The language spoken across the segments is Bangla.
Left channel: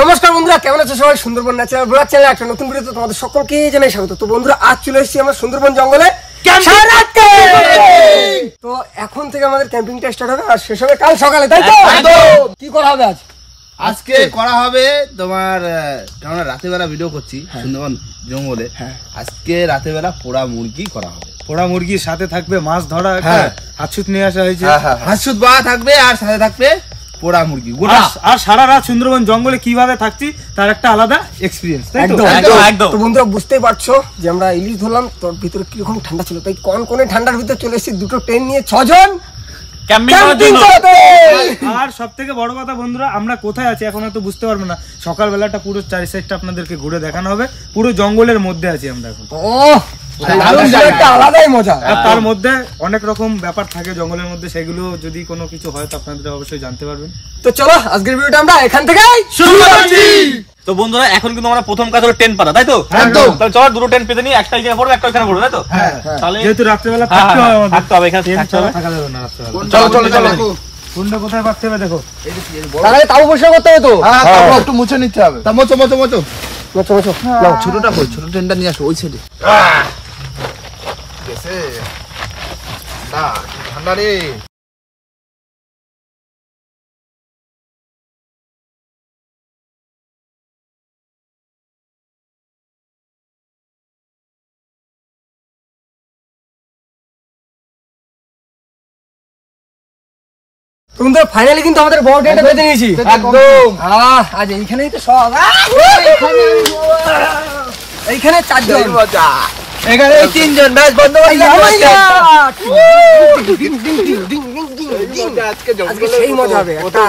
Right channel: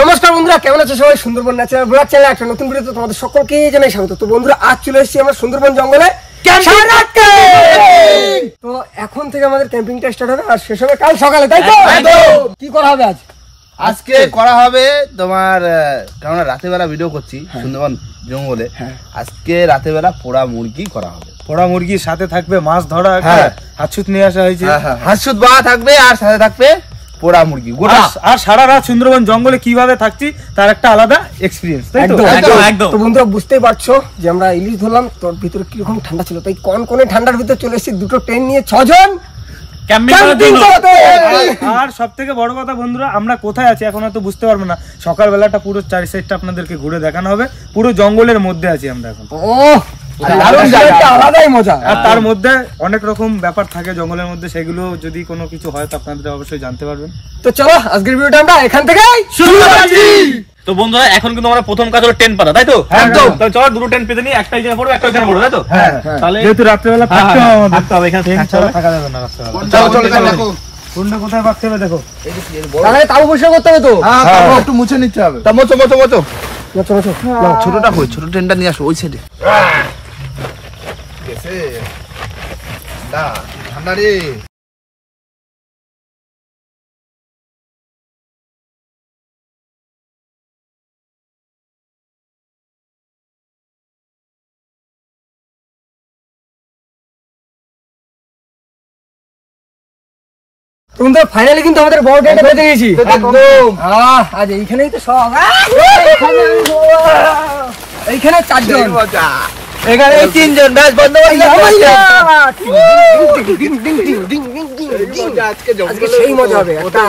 নমস্কার বন্ধুরা, কেমন আছো সবাই? সুন্দরবন ন্যাচারাল ব্লগ চ্যানেলে একটা নতুন ভিডিওতে তোমাদের সকলকে জানাই স্বাগত। তো বন্ধুরা, আজ চলে এসেছি আমরা সুন্দরবন জঙ্গলে। তো এখন থেকে আমাদের ক্যাম্পিংটা স্টার্ট হবে আর শেষ হবে কাল সকালে, তাই তো? কি করা হবে আজকে করা হবে তোমার, কারণ রাতে বেলা ভিডিও করছি সুন্দরবন জঙ্গলে। আজকে রাতে বেলা পোড়া মুরগি করা হবে। পোড়া মুরগির সাথে থাকবে মাছ ধরা, হাতছুত নিয়ে আসা হয়েছে, হাঁসুত বা থাকবে আর সাথে থাকবে পোড়া মুরগি গোটা। আর সারা রাত সুন্দরবন জঙ্গলে কিভাবে থাকছি তার একটা আলাদা এক্সপিরিয়েন্স, তাই তো? একদম। তো বন্ধুরা, বুঝতেই পারছো যে আমরা ইলিশ ধরলাম, তোর ভিতরে কিরকম ঠান্ডা ছিল, তাই কোন ঠান্ডার ভিতরে চলে এসেছি দুটো ট্রেন নিয়ে 6 জন ক্যাম্পিং করতে। আর সব থেকে বড় কথা বন্ধুরা, আমরা কোথায় আছি এখন হয়তো বুঝতে পারবো না। সকাল বেলাটা পুরো চারি সাইডটা আপনাদেরকে ঘুরে দেখানো হবে। পুরো জঙ্গলের মধ্যে আছি আমরা এখন। আলাদাই মজা। আর তার মধ্যে অনেক রকম ব্যাপার থাকে জঙ্গলের মধ্যে, সেগুলো যদি কোনো কিছু হয় তো আপনাদের অবশ্যই জানতে পারবেন। তো চলো আজকের ভিডিওটা আমরা এখান থেকেই শুরু করছি। তো বন্ধুরা, এখন কিন্তু আমরা প্রথম কাজ হলো টেন্ট পাতা, তাই তো? একদম। তাহলে চলো দুটো টেন্ট পেতে নিই, একটা এখানে পড়বে একটা এখানে পড়বে, তাই তো? হ্যাঁ। তাহলে যেহেতু রাত্রেবেলা থাকতে হবে আমাদের, থাকতে হবে এখানে, থাকা যাবে না রাত্রেবেলা। চলো কোনটা কোথায় পাচ্ছে হবে দেখো। তাহলে তাও পরিষ্কার করতে হবে তো। একটু মুছে নিতে হবে। তা মোচো ছোটটা কই? ছোট ট্রেনটা নিয়ে আসো ওই সাইডে। গেছে না ঠান্ডা রে। তোমরা ফাইনালি কিন্তু আমাদের বড় টেন্টটা বেঁধে নিয়েছি একদম। আজ এইখানেই তো সব। এইখানে 4 জন, এখানে 3 জন, ব্যাস বন্ধ করে আজকে সেই মজা হবে, একটা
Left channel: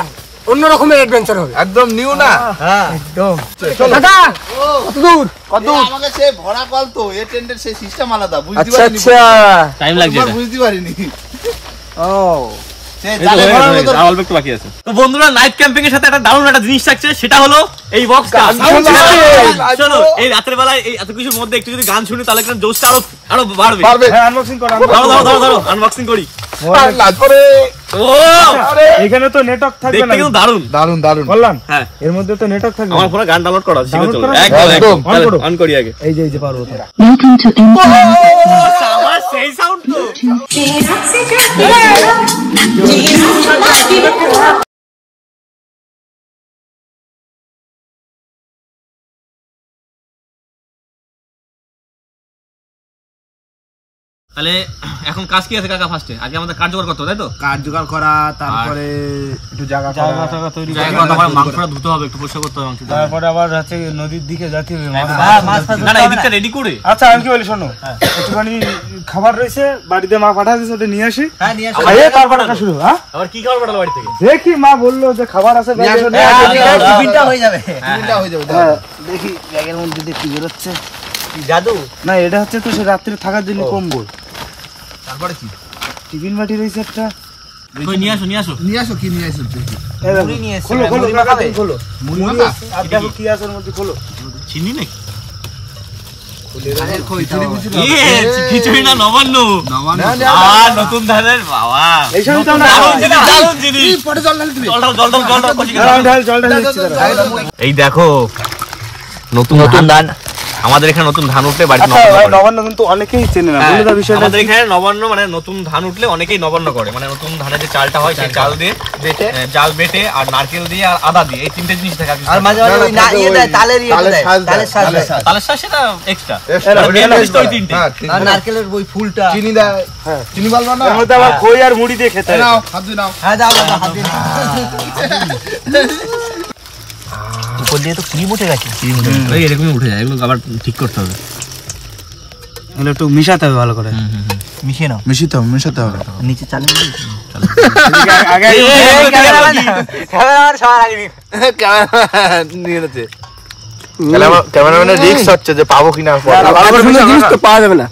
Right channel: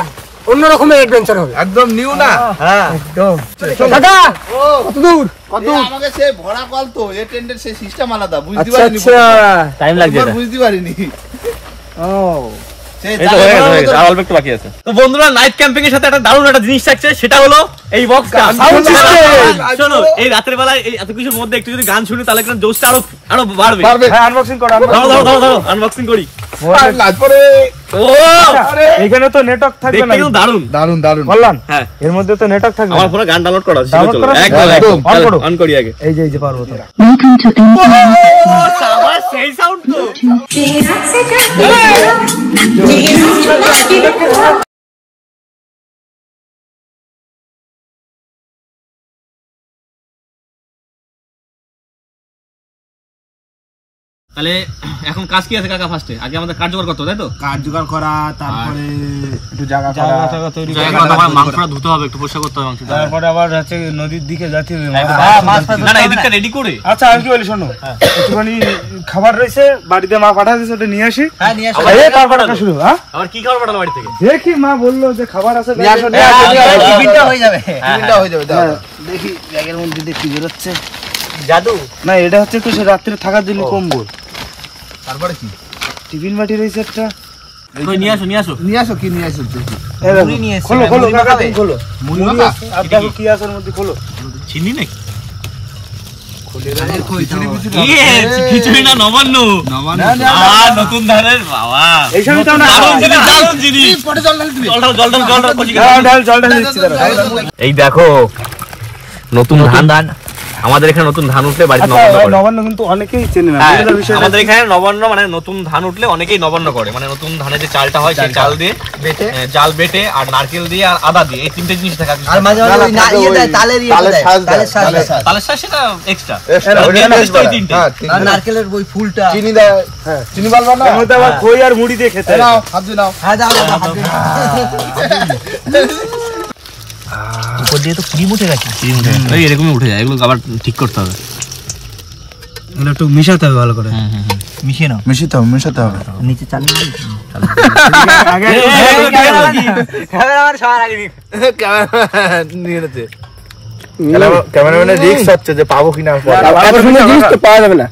অন্য রকমের অ্যাডভেঞ্চার হবে, একদম নিউ না। হ্যাঁ একদম। দাদা কত দূর? আমাকে সে ভরা কল তো, এই ট্রেন্ডের সেই সিস্টেম আলাদা, বুঝতে পারিনি। টাইম লাগছে, বুঝতে পারিনি। ও অল্প একটু বাকি আছে। তো বন্ধুরা, নাইট ক্যাম্পিং এর সাথে একটা দারুণ একটা জিনিস থাকছে, সেটা হলো এই বক্সটা। শোনো, এই রাতের বেলায় এই এত কিছুর মধ্যে একটু যদি গান শুনি তাহলে কিন্তু জোশটা আরো বাড়বে। হ্যাঁ, আনবক্সিং করো। ধরো আনবক্সিং করি। এখানে তো নেটওয়ার্ক থাকবে না। কিন্তু দারুণ বললাম। হ্যাঁ, এর মধ্যে তো নেটওয়ার্ক থাকবে। আমার ফোনে গান ডাউনলোড করা আছে, একদম অন করি আগে। এই যে পারবো তো। আবার সেই সাউন্ড তো। তাহলে এখন কাজ কি আছে কাকা? ফার্স্টে আগে আমাদের কাজ জোগাড় করতে হবে, তাই তো? কাঠ জোগাড় করা, তারপরে একটু জায়গা তৈরি করা, মাংসটা ধুতে হবে, একটু পরিষ্কার করতে হবে মাংসটা। তারপরে আবার হচ্ছে নদীর দিকে যেতে হবে। না না, এদিকটা রেডি করে। আচ্ছা, আমি কি বলি শোনো, একটুখানি খাবার রয়েছে বাড়িতে, মা পাঠাচ্ছে, ওটা নিয়ে আসি। তারপরে শুরু। হ্যাঁ, আবার কি খাবার পাঠালো বাড়ি থেকে? দেখি, মা বললো যে খাবার আছে, নিয়ে আসো। টিফিনটা হয়ে যাবে। দেখি জায়গার মধ্যে দেখি বেরোচ্ছে জাদু না, এটা হচ্ছে তো সে রাত্রে থাকার জন্য কম্বল। তারপরে কি টিফিন বাটি রয়েছে একটা। নিয়ে আসো কি নিয়ে আসো খোলো মুড়ি মাখা। আর দেখো কি আছে এর মধ্যে, খোলো। চিনি নাকি? কিছুই না, নবান্ন আর নতুন ধানের বাবা। এই দেখো নতুন ধান, আমাদের এখানে নতুন ধান উঠলে বাড়িতে নবান্ন কিন্তু অনেকেই চেনে না। আমাদের এখানে নবান্ন মানে নতুন ধান উঠলে অনেকেই নবান্ন করে, মানে নতুন ধানের যে চালটা হয় সেই চাল দিয়ে জাল বেটে আর নারকেল দিয়ে আর আদা দিয়ে, এই 3টে জিনিস থাকে। তালের শাঁস সেটা এক্সট্রা, নারকেলের ওই ফুলটা, চিনি দেয়, চিনি বালবা না, আবার খই আর মুড়ি দিয়ে খেতে। নাও হাত দিয়ে নাও। হ্যাঁ দাও উপর দিয়ে তো ক্রিম উঠে গেছে। এই এরকমই উঠে যায়, এগুলো আবার ঠিক করতে হবে, এগুলো একটু মিশাতে হবে ভালো করে। মিশিয়ে নাও। মিশাতে হবে নিচে চালিয়ে দিই। ক্যামেরাম্যানের রিস্ক হচ্ছে যে পাবো কিনা, পাওয়া যাবে না।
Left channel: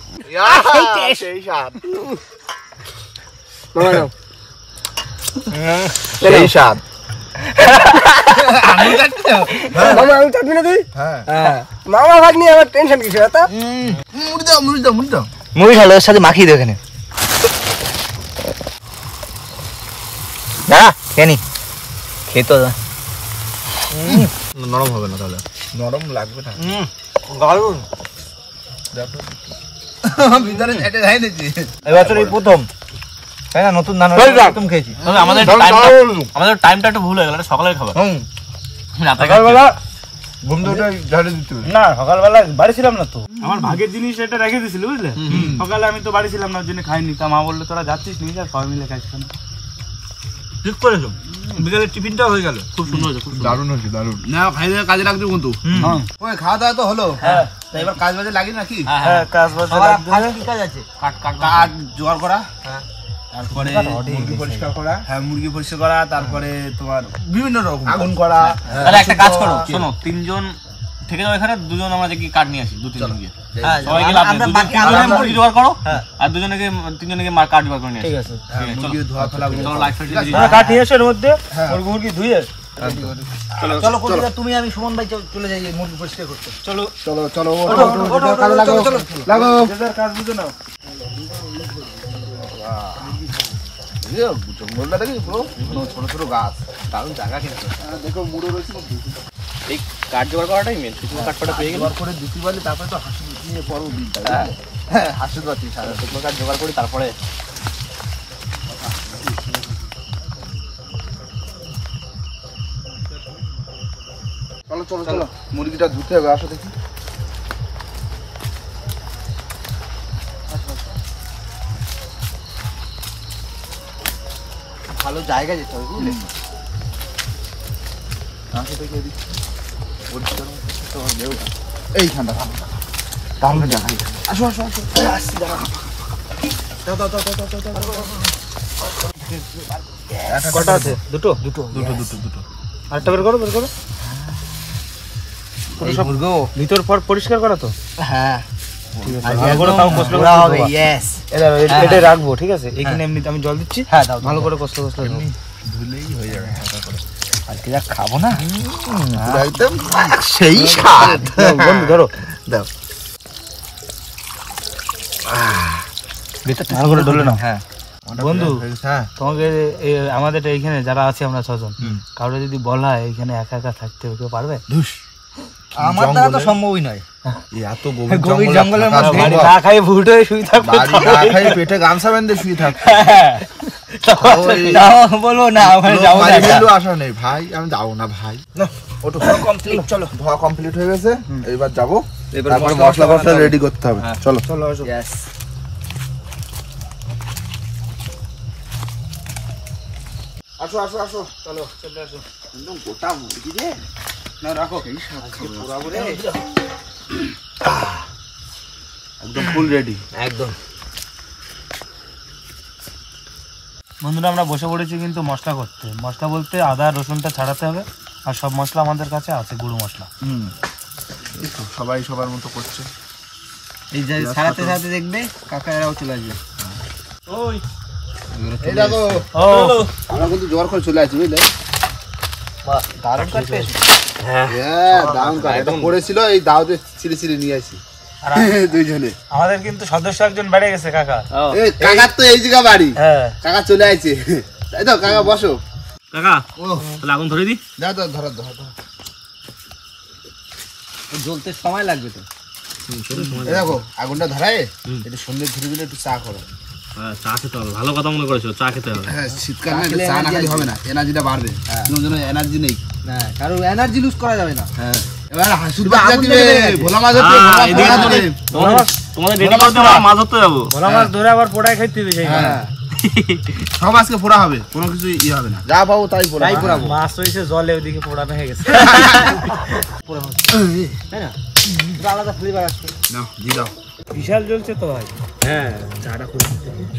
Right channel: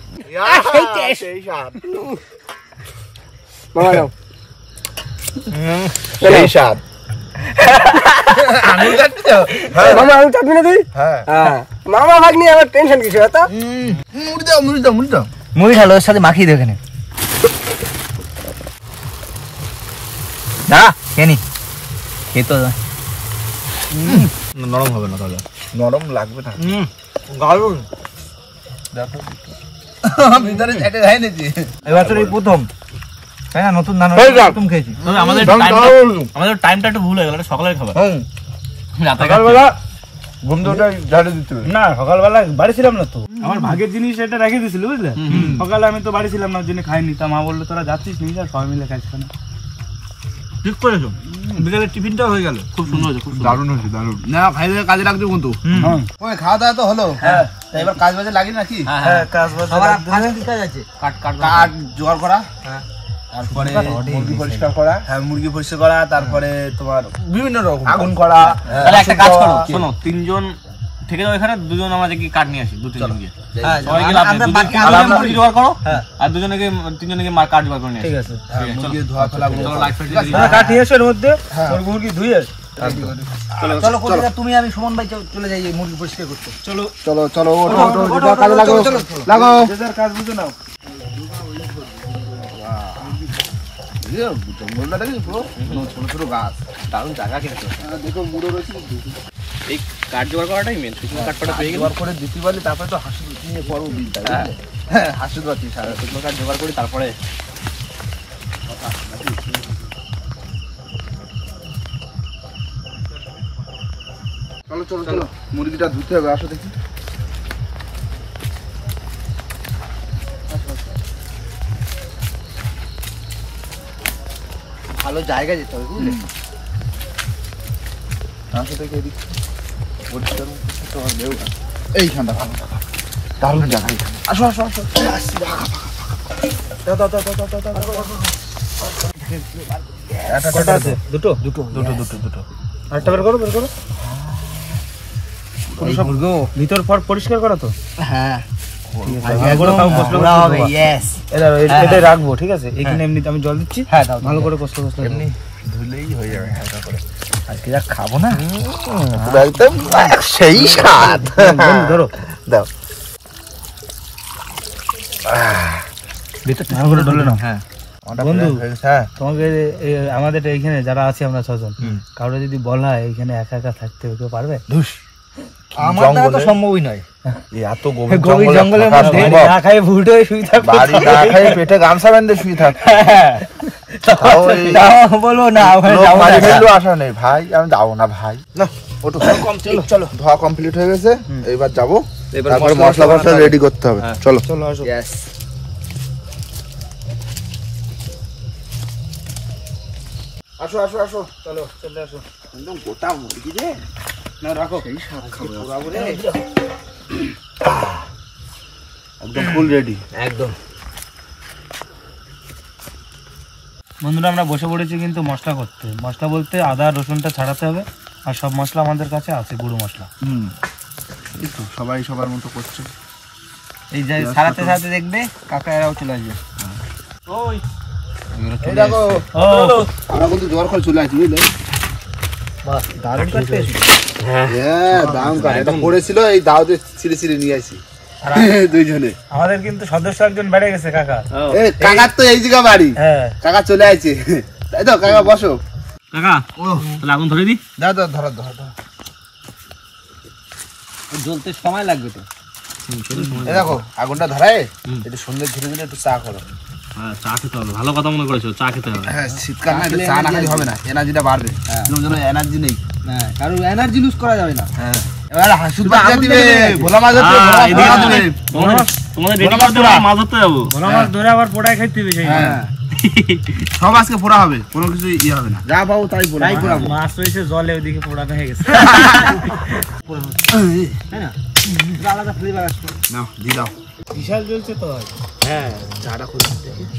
এই স্বাদ। মামা ভাগ্নি আমার টেনশন কিছু এত। মুড়ি ঢালো, ওর সাথে মাখিয়ে দেবে এখানে। না কেনি খেতো নরম হবে না তাহলে, নরম লাগবে না দারুন। ভিতরে ছেটে যায় নাকি এবছর এই প্রথম, তাই না? নতুন ধান হয়ে যাক। প্রথম খেয়েছি। আমাদের টাইমটা একটু ভুল হয়ে গেল, সকালের খাবার রাতে সকালবেলা ঘুম থেকে উঠে ঝাড়ে দিতে হবে। না সকালবেলা বাড়ি ছিলাম না তো, আমার ভাগের জিনিস এটা রেখে দিয়েছিল বুঝলে। সকালে আমি তো বাড়ি ছিলাম না, ওর জন্য খাইনি। তা মা বললো তোরা যাচ্ছিস নিয়ে যা, সবাই মিলে খাইছি। ঠিক করেছো, বিকালের টিফিনটাও হয়ে গেল, খুব সুন্দর হয়েছে, খুব সুন্দর। দারুণ হয়েছে, দারুণ। না খাই দিয়ে কাজে লাগবে কিন্তু। ওই খাওয়া দাওয়া তো হলো, তা এবার কাজ বাজে লাগি নাকি? হ্যাঁ, কাজ বাজ কাঠ জোগাড় করা, তারপরে মুরগি পরিষ্কার করা, হ্যাঁ মুরগি পরিষ্কার করা, তারপরে তোমার বিভিন্ন রকম আগুন করা। তাহলে একটা কাজ করো, শোনো, 3 জন থেকে যাও এখানে, 2 জন আমরা দেখি কাঠ নিয়ে আসি, 2-3 জন গিয়ে সবাইকে লাভ নেই, 2 জন মুরগি জোগাড় করো, আর 3 জনকে কাঠ জোগাড় করে নিয়ে আসি। ঠিক আছে, মুরগি ধোয়া ফেলা, চলো লাইট ফাইট দিয়ে তোমরা কাঠ নিয়ে এসো, এর মধ্যে মুরগি ধুয়ে। চলো কলিজা, তুমি আমি সুমন ভাই চলে যাই মুরগি পরিষ্কার করতে। চলো চলো চলো কাজে লাগো লাগো। কাজ বুঝে নাও। জঙ্গলটা দেখি পুরো ছোট ছোট গাছ, দারুণ জায়গা কিন্তু। দেখো মুড়ে রয়েছে, এই কাঠ জোগাড় করাটাই মেন, শুকনো কাঠ পাটা পেয়ে গেলে জোগাড় করে দিতে পারলে তারপরে তো হাসু নিয়ে পড়বো বিলটা। হ্যাঁ হাসু পাচ্ছি সারা শুকনো কাঠ জোগাড় করি, তারপরে চলো চলো চলো মুরগিটা ধুতে হবে, আসো দেখি। ভালো জায়গা যেতে হবে বুঝলে, আসো দেখি এদিক পরিষ্কার এইখানটা ভালো জায়গা, দারুণ জায়গা এইখানে। আসো আসো আসো, আসছি দাও দাও দাও দাও দাও দাও দাও। কটা আছে? দুটো। আরেকটা বের করো, বের করো। সব ভিতর পর পরিষ্কার করা তো। হ্যাঁ এটা রাখবো, ঠিক আছে? এখানে এমনি আমি জল দিচ্ছি, ভালো করে কষ্ট কষ্ট এমনি ধুলেই হয়ে যাবে হালকা করে। আর কি খাবো না, পুরো একদম সেই স্বাদ। ধরো দাও ভালো করে ধরলে না। হ্যাঁ বন্ধু, হ্যাঁ তোমাকে আমাদের এইখানে যারা আছে আমরা 6 জন, কাউরে যদি বলা হয় এখানে একা একা থাকতে হবে, কেউ পারবে? আমার দ্বারা তো সম্ভবই নয়। এত গভীর জঙ্গলের মধ্যে না খাই ভুট হয়ে শুয়ে থাকবে, বাড়ি না খাই পেটে গামছা বেঁধে শুয়ে থাক। বলবো না আশা নেই ভাই, আমি যাবো না ভাই। না ওটা চলো, ধোয়া কমপ্লিট হয়ে গেছে, এবার যাবো, এবার মশলা রেডি করতে হবে। চলো চলো আসো। আসো আসো আসো, চলো চলে আসো। একদম গোটা মুরগি রে, না রাখো, এই শাক খাবো একদম ফুল রেডি একদম। বন্ধুরা আমরা বসে পড়েছি কিন্তু মশলা করতে। মশলা বলতে আদা রসুনটা ছাড়াতে হবে, আর সব মশলা আমাদের কাছে আছে, গুঁড়ো মশলা। সবাই সবার মতো করছে। এই যে ছাড়াতে ছাড়াতে দেখবে কাকা এরাও চলে আসবে। আমরা কিন্তু জোয়ার করে চলে আসছি বুঝলে। দারুণ করে পেয়েছি। হ্যাঁ দারুণ কাজ, এটা পড়েছিল, এই দাওতে ছিঁড়ে ছিঁড়ে নিয়ে আসি দুইজনে। আমাদের কিন্তু সদস্য একজন বেড়ে গেছে কাকা। কাকার তো এই জায়গা বাড়ি, হ্যাঁ কাকা চলে আসছে, তাই তো? কাকা বসো। কাকা তাহলে আগুন ধরে দি। দাও দাও, ধরো ধরো ধরো। জ্বলতে সময় লাগবে তো। দেখো আগুনটা ধরায়, একটু সন্ধ্যে ঘুরে দিলে একটু চা করো। হ্যাঁ চা খেতে হবে, ভালো কথা মনে করেছো, চা খেতে হবে। হ্যাঁ শীতকাল না, চা না খেলে হবে না, এনার্জিটা বাড়বে। কোনো জন্য এনার্জি নেই, না কারণ এনার্জি লুজ করা যাবে না। হ্যাঁ এবার হাসুর বাচ্চা দিবে, ভোলা মাছ ধরতে, তোমাদের মাছ ধরতে যাবো, ভোলা মাছ ধরে আবার পোড়ায় খাইতে হবে। হ্যাঁ সব আজকে পোড়া হবে, কোনো কিছু ইয়ে হবে না, যা পাবো তাই পোড়াবো। মাছ রয়েছে জলে, ওইদিকে পোড়ানো হয়ে গেছে। আলাদা ফ্লেভার আসবে। নাও দি দাও। বিশাল জ্বলছে তো ভাই। হ্যাঁ চাটা করে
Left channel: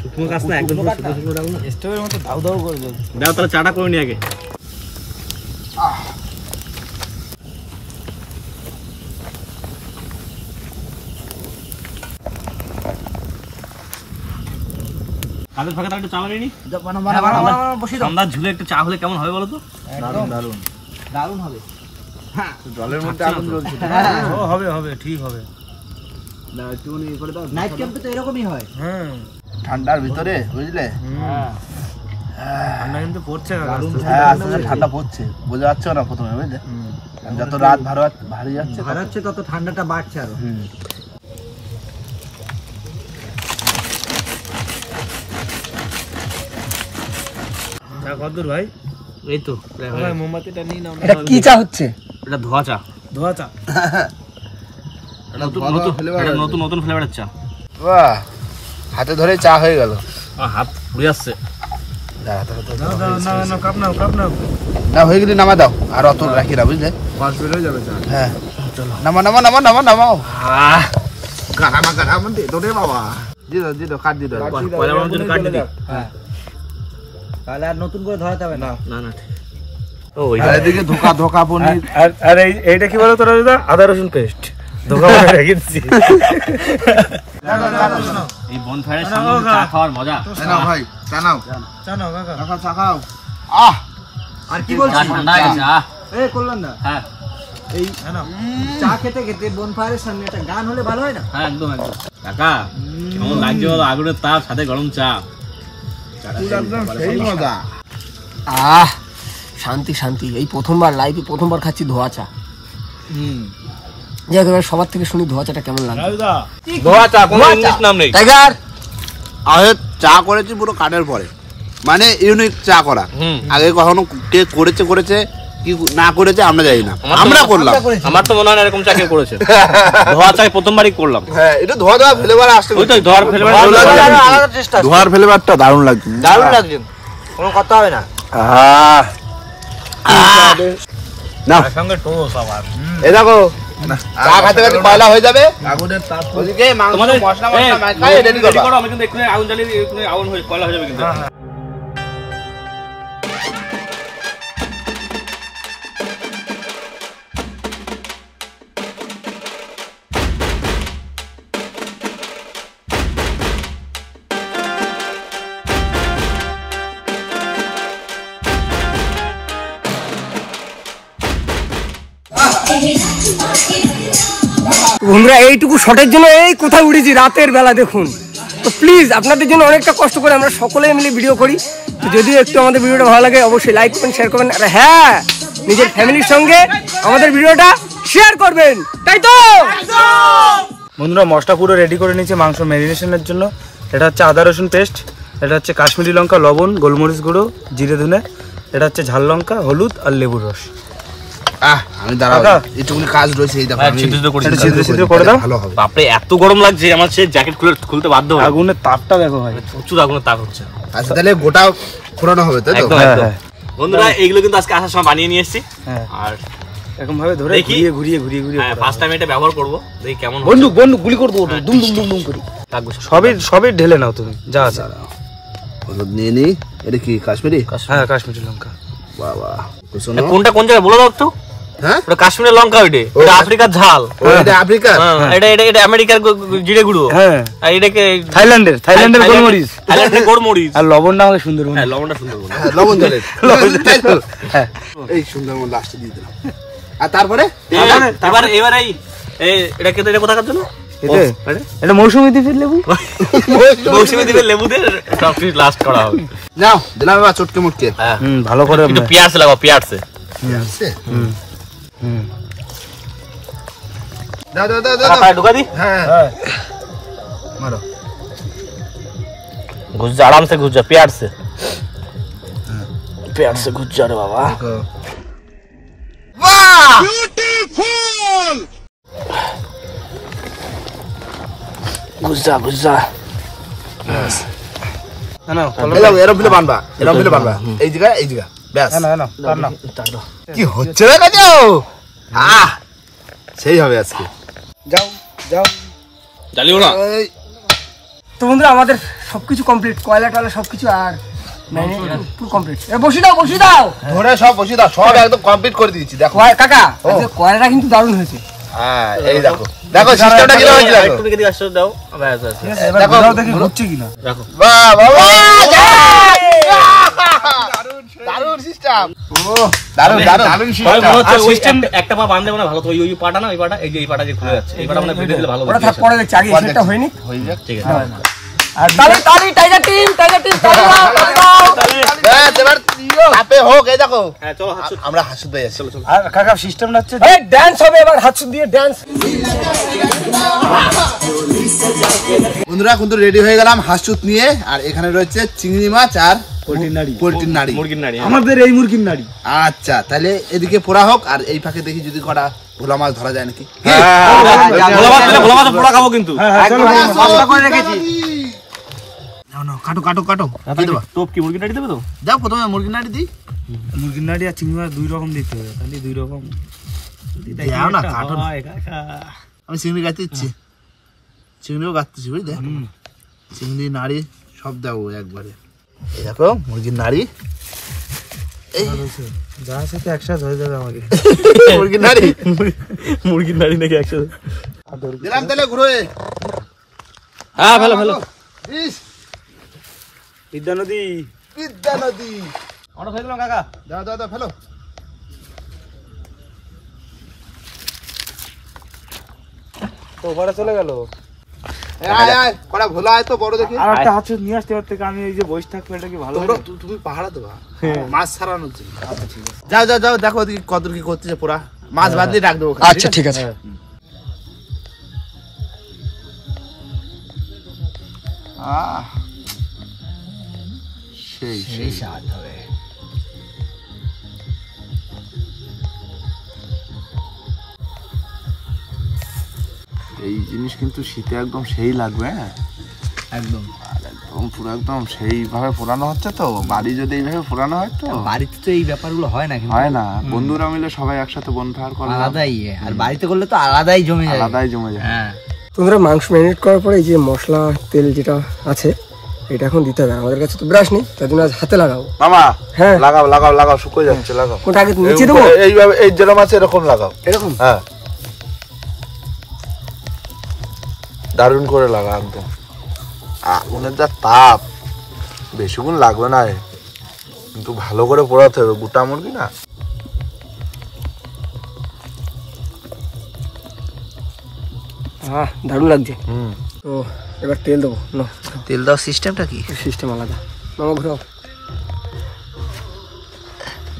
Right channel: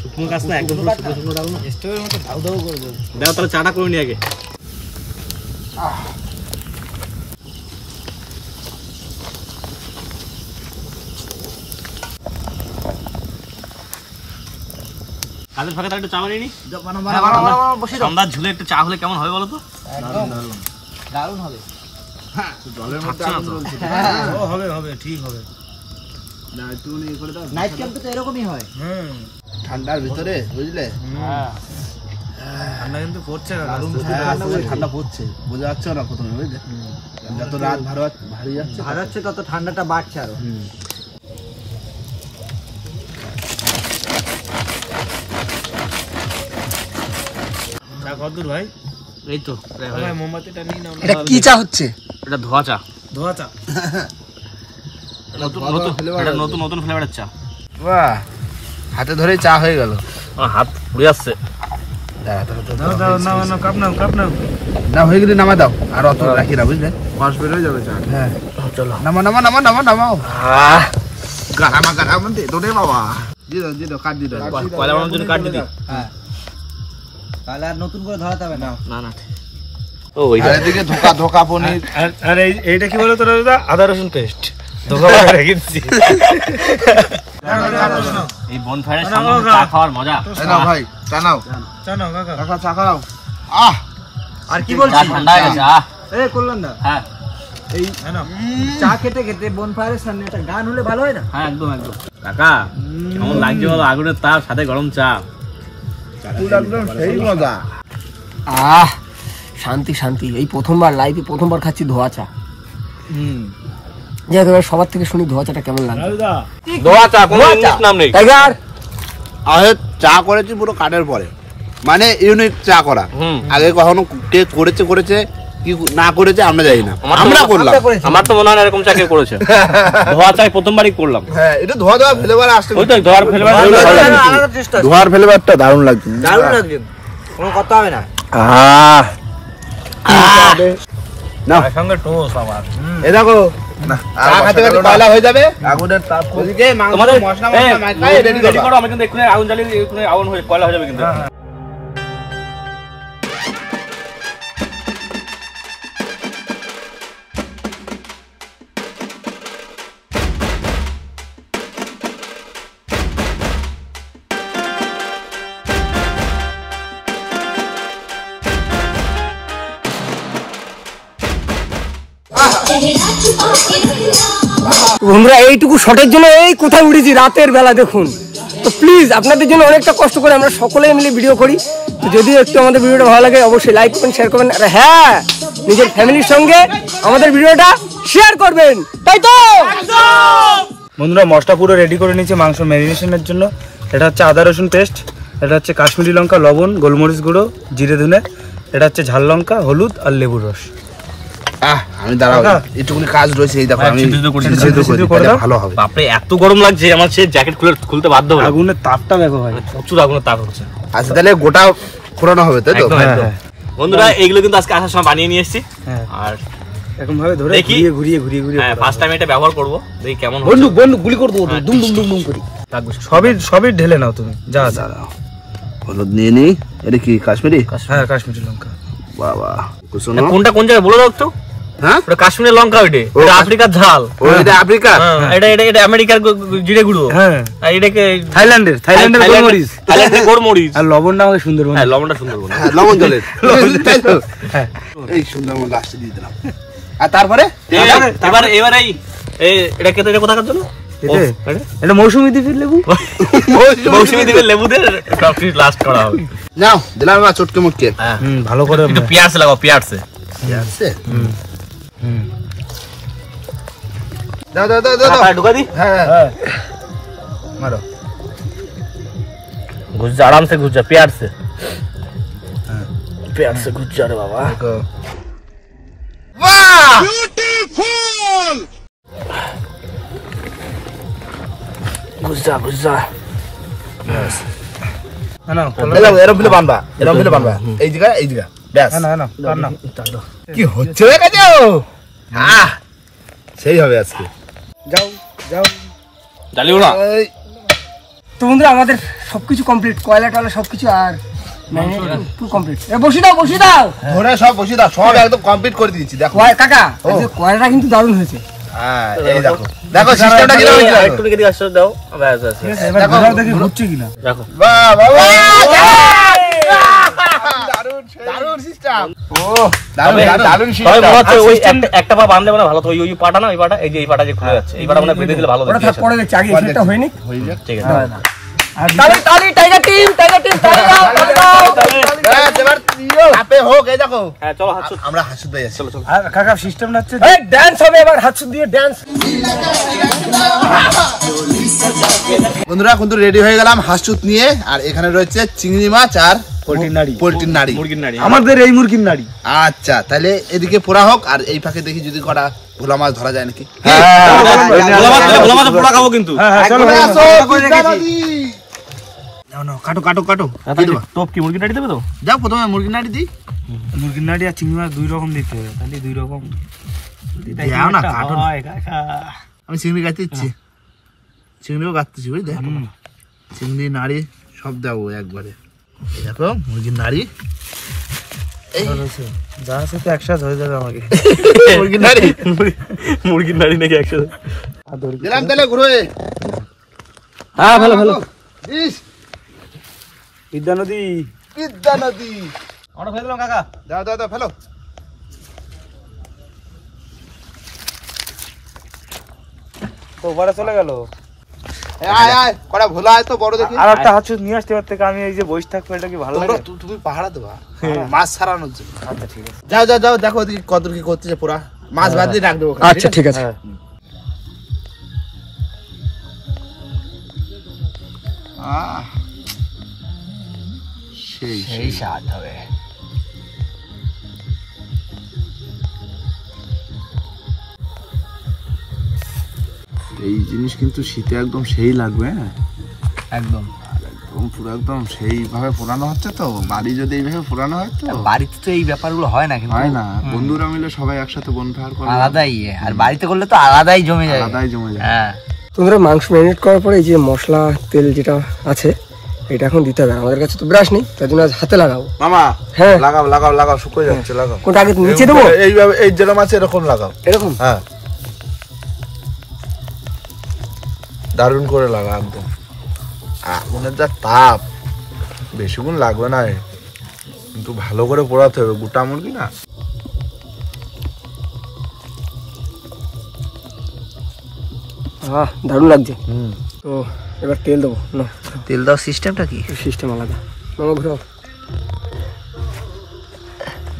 শুকনো কাজ না, একদম শুকনো ডাল না, স্টোভের মতো ধাউ ধাউ করে জ্বলছে। দাও তাহলে চাটা করে নি আগে। কাদের ফাঁকে তার একটু চা বানিয়ে নি, সন্ধ্যার ঝুলে একটু চা হলে কেমন হবে বলো তো? দারুণ দারুণ দারুণ হবে। জলের মধ্যে আগুন জ্বলছে। ও হবে হবে, ঠিক হবে। না একটু ইয়ে করে দাও। নাইট ক্যাম্পে তো এরকমই হয়। হুম ঠান্ডার ভিতরে বুঝলে, ঠান্ডা কিন্তু পড়ছে কাকা দারুণ ঠান্ডা পড়ছে, বোঝা যাচ্ছে না প্রথমে, বুঝলে? যত রাত ভারী যাচ্ছে তত ঠান্ডাটা বাড়ছে আরো। চা কতদূর ভাই? এই তো ভাই মোমবাতিটা নিয়ে নাও। এটা কি চা হচ্ছে? এটা ধোয়া চা, ধোয়া চা। নতুন ফ্লেভারের চা। বাহ, হাতে ধরে চা হয়ে গেল। আমার হাত পুড়ে যাচ্ছে। নাও কাপ নাও, কাপ নাও। না হয়ে গেলে নামা দাও, আর অত রাখি না, বুঝলে? বাস বের হয়ে যাবে চা। হ্যাঁ চলো, নামাও। গারামা দে তো রে বাবা। দিদো কাট দিদো। কয়লা বানানোর জন্য কাট দিদি। হ্যাঁ, তাহলে আর নতুন করে ধরাতে হবে না। না ও আর এদিকে ধোকা পনির। আর এইটা কি বলো তোরা দাদা? আদা রসুন পেস্ট ধোকা বানিয়ে রেখেছি। এই বনফায়ারের সামনে চা খাওয়ার মজা। নাও ভাই, চা নাও। চা নাও কাকা। কাকা চা খাও। আর কি চা বলছিস? ঠান্ডা হয়ে গেছে। এই করলাম না, হ্যাঁ এই চা খেতে খেতে বনফায়ারের সামনে একটা গান হলে ভালো হয় না? হ্যাঁ একদম। কাকা কেমন লাগছে বলো? আগুনের তাপ, সাথে গরম চা। একদম সেই মজা। শান্তি। এই লাইফে প্রথমবার খাচ্ছি ধোয়া চা। যাই হোক, এবার সবার থেকে শুনি ধোয়া চাটা কেমন লাগে। ধোয়া চা, কোনো ইংলিশ নাম নেই। টাইগার, আমি চা করেছি পুরো কাঠের পরে, মানে ইউনিক চা করা। আগে কখনো কে করেছে কি না করেছে আমরা জানি না, আমরা করলাম। আমার তো মনে হয় এরকম চা কেউ করেছে। ধোয়া চাই প্রথমবারই করলাম। হ্যাঁ, এটা ধোয়া ফ্লেভার আসছে। ওই তো ধোয়ার ফ্লেভার। ধোয়ার ফ্লেভারটা দারুণ লাগছে। কোনো কথা হবে না। তার সঙ্গে টোস আবার। এই দেখো, চা খাতে খাতে কয়লা হয়ে যাবে। আগুনের তাপ, ওদিকে মাংস তোমাদের মশলা মাখায় রেডি করো, আমি কিন্তু এক্ষুনি আগুন জ্বালিয়ে এক্ষুনি আগুন হয়ে কয়লা হয়ে যাবে কিন্তু। বন্ধুরা, এইটুকু শটের জন্য এই কোথায় উঠেছি রাতের বেলা দেখুন। তো প্লিজ আপনাদের জন্য অনেকটা কষ্ট করে আমরা সকলে মিলে ভিডিও করি। তো যদি একটু আমাদের ভিডিওটা ভালো লাগে অবশ্যই লাইক করবেন, শেয়ার করবেন, আর হ্যাঁ, নিজের ফ্যামিলির সঙ্গে আমাদের ভিডিওটা শেয়ার করবেন, তাই তো? বন্ধুরা, মশলা পুরো রেডি করে নিয়েছি মাংস ম্যারিনেশনের জন্য। এটা হচ্ছে আদা রসুন পেস্ট, এটা হচ্ছে কাশ্মীরি লঙ্কা, লবণ, গোলমরিচ গুঁড়ো, জিরে ধনে, এটা হচ্ছে ঝাল লঙ্কা, হলুদ আর লেবুর রস। আমি দাঁড়াও, একটুখানি কাজ রয়েছে। এই দেখো, আমি ভালো হবে। বাপরে এত গরম লাগছে, আমার সে জ্যাকেট খুলতে বাধ্য হলাম। আগুনের তাপটা দেখো ভাই, প্রচুর আগুনের তাপ হচ্ছে। আচ্ছা, তাহলে গোটা ফোড়ানো হবে, তাই তো? একদম। বন্ধুরা, এইগুলো কিন্তু আজকে আসার সময় বানিয়ে নিয়ে এসেছি। আর এরকম ভাবে ধরে ঘুরিয়ে হ্যাঁ, ফার্স্ট টাইম এটা ব্যবহার করব, দেখি কেমন হয়। বন্ধু গুলি করে দেবো, দুম দুম দুম করে। সবই ঢেলে নাও তুমি, যা যা। হলুদ নিয়ে নিই। এটা কি কাশ্মীরি? হ্যাঁ, কাশ্মীরি লঙ্কা। বাবা, কোনটা কোন জায়গায় বলে দাও একটু। হ্যাঁ, ওটা কাশ্মীরের লঙ্কা, এটা আফ্রিকার ঝাল, এটা আফ্রিকা, এটা আমেরিকার জিরে গুঁড়ো, হ্যাঁ, আর এটাকে থাইল্যান্ডের গোলমরিচ, আর লবণটা আমাদের সুন্দরবন। হ্যাঁ, লবণটা সুন্দরবন, লবণ জলের। এই সুন্দরবন লাস্টে দিয়ে দিলাম। আর তারপরে এবার এটাকে তো এটা কোথাকার জন্য এটা মৌসুমী দ্বীপের লেবু। মৌসুমী দ্বীপের লেবুদের লাস্ট করা হবে। নাও দিলাম এবার চটকে মুটকে। ভালো করে একটু পেঁয়াজ লাগাও, পেঁয়াজ আছে। দাও দাও দাও দাও, ঢুকা দি। হ্যাঁ মারো, ঘুষ যা, আরাম সে ঘুষ যা, পেঁয়াজ সে ঘুষ যা রে বাবা। বাহ, বিউটিফুল। ঘুষ যা এরম ফেলে বানবা, এই জায়গা ব্যাস। কি হচ্ছে রে কাজে? সেই হবে আজকে। যাও জ্বালিও না। তো বন্ধুরা, আমাদের সবকিছু কমপ্লিট, কয়লা টয়লা সবকিছু, আর পুরো কমপ্লিট। বসি দাও ধরে সব বসিয়ে দাও, সব একদম কমপ্লিট করে দিয়েছি। দেখো কাকা, কয়লাটা কিন্তু দারুণ হয়েছে। হ্যাঁ, এই দেখো দেখো সিস্টেমটা কি হয়েছে। একটু দিকে আসো, দাও। ব্যাস ব্যাস, এবার ঘোরাও দেখি হচ্ছে কিনা। দেখো। বাহ বাবা, দারুণ সিস্টেম। ও দারুণ সবাই সিস্টেম। মনে হচ্ছে ওই একটা পা বাঁধলে মনে ভালো তো, ওই পাটা না, ওই পাটা, এই যে এই পাটা যে খুলে যাচ্ছে, এই পাটা মনে বেঁধে দিলে ভালো। ওটা থাক, পরে দেখছি, আগে এসেটা হয়নি। হয়ে যাবে, ঠিক আছে। তালি তালি টাইগার টিম তালি দাও এবার আপে হোক এই দেখো হ্যাঁ চলো হাত আমরা হাসুদ ভাই আছি চলো আর কাকা সিস্টেম না হচ্ছে এই ডান্স হবে এবার হাত দিয়ে ডান্স। বন্ধুরা কিন্তু রেডি হয়ে গেলাম হাসুদ নিয়ে। আর এখানে রয়েছে চিংড়ি মাছ আর পোল্ট্রির নাড়ি। পোল্ট্রির নাড়ি। মুরগির নাড়ি আমাদের এই মুরগির নাড়ি। আচ্ছা তাহলে এদিকে পোড়া হোক আর এই ফাঁকে দেখি যদি কটা ভোলা মাছ ধরা যায় নাকি। ভোলা মাছ পোড়া খাবো কিন্তু। হ্যাঁ চলো কাটো কাটো কাটো টপ কি মুরগির নাড়ি দেবে তো? যাও প্রথমে মুরগির নাড়ি দিই। মুরগির নাড়ি আর চিংড়ি মাছ 2 রকম দিতে হবে, তাহলে 2 রকম যাও না কাটো। আমি চিংড়ি কাটতে ইচ্ছি, চিংড়িও কাটতেছি বুঝলি। চিংড়ি নাড়ি সব দেবো একবারে। দেখো মুরগির নাড়ি যা আছে তো একসাথে হয়ে যাবে আমাকে। মুরগির নাড়ি মুরগির নাড়ি নাকি একসাথে দিলাম তাহলে ঘুরে। হ্যাঁ ভালো ভালো বিদ্যা নদী বিদ্যা নদী আমরা ফেলে দিলাম কাকা। দাও দাও দাও ফেলো। ওপারে চলে গেল। আয় আয় কটা ভোলা আয় তো বড় দেখি। আর একটা হাত নিয়ে আসতে পারতে, আমি এই যে বসে থাকবো এটা কি ভালো লাগে? তুমি পাহাড়া দেবা মাছ ছাড়ানোর জন্য। আচ্ছা ঠিক আছে যাও যাও যাও দেখো ওদিকে কত কি করতেছে পোড়া মাছ বাদ দিয়ে রাখ দেবো। আচ্ছা ঠিক আছে। সেই এই স্বাদ হবে। এই জিনিস কিন্তু শীতে একদম সেই লাগবে। হ্যাঁ একদম একদম পুরো একদম সেইভাবে পোড়ানো হচ্ছে তো। বাড়ি যদি এইভাবে পোড়ানো হয় তো বাড়িতে তো এই ব্যাপারগুলো হয় না, কিন্তু হয় না। বন্ধুরা মিলে সবাই একসাথে বনফায়ার করে আলাদাই। আর বাড়িতে করলে তো আলাদাই জমে যায়। আলাদাই জমে যায়। হ্যাঁ তোমরা মাংস ম্যারিনেট করার পরে এই যে মশলা তেল যেটা আছে এটা এখন দিতে হবে। আমাদের কাছে তো ব্রাশ নেই, তার জন্য আজ হাতে লাগাবো। মামা হ্যাঁ লাগাও লাগাও লাগাও শুকিয়ে যাচ্ছে লাগাও। কোনটা আগে নিচে দেবো? এইভাবে এই যেরকম আছে এরকম লাগাও। এরকম হ্যাঁ দারুণ করে লাগা একদম। আগুনের যা তাপ বেশিক্ষণ লাগবে না, কিন্তু ভালো করে পোড়াতে হবে। গোটা মুরগি না। দারুণ লাগছে। তো এবার তেল দেবো না। তেল দেওয়ার সিস্টেমটা কি? সিস্টেম আলাদা। মামা ঘুরাও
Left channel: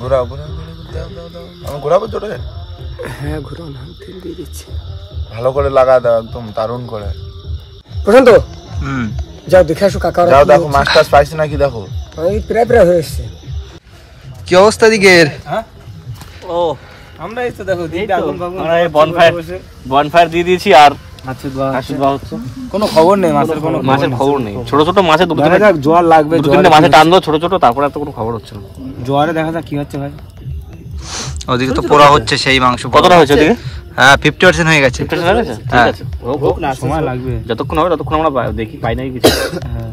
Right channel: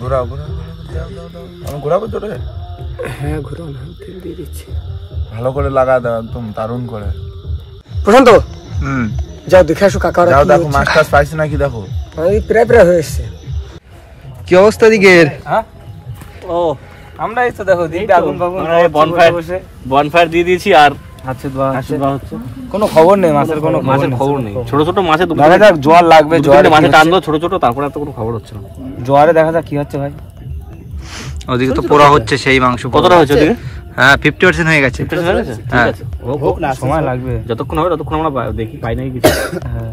ঘোরাও ঘোরাবো জোরে। হ্যাঁ ঘুরাও না, তেল দিয়ে দিচ্ছি। ভালো করে লাগা দাও একদম দারুণ করে। প্রশান্ত যাও দেখে আসো কাকা। যাও দেখো মাছ টাছ পাইছে নাকি দেখো। প্রায় প্রায় হয়ে এসছে। কি অবস্থা দিকের? হ্যাঁ ও আমরা এই তো দেখো দিদি আগুন বাগুন আমরা এই বনফায়ার দিয়ে দিয়েছি আর হাতে ধোয়া হাসি দেওয়া হচ্ছে। কোনো খবর নেই মাছের, কোনো মাছের খবর নেই। ছোট ছোট মাছে দেখা যাক জোয়ার লাগবে, দুটো মাছে টানবো ছোট ছোট, তারপরে তো কোনো খবর হচ্ছে না। জোয়ারে দেখা যাক কি হচ্ছে ভাই। ওদিকে তো পোড়া হচ্ছে সেই মাংস। কতটা হয়েছে দিকে? হ্যাঁ 50% হয়ে গেছে। ঠিক হ্যাঁ। আছে হোক না, সময় লাগবে। যতক্ষণ হবে ততক্ষণ আমরা দেখি পাই নাই কিছু। হ্যাঁ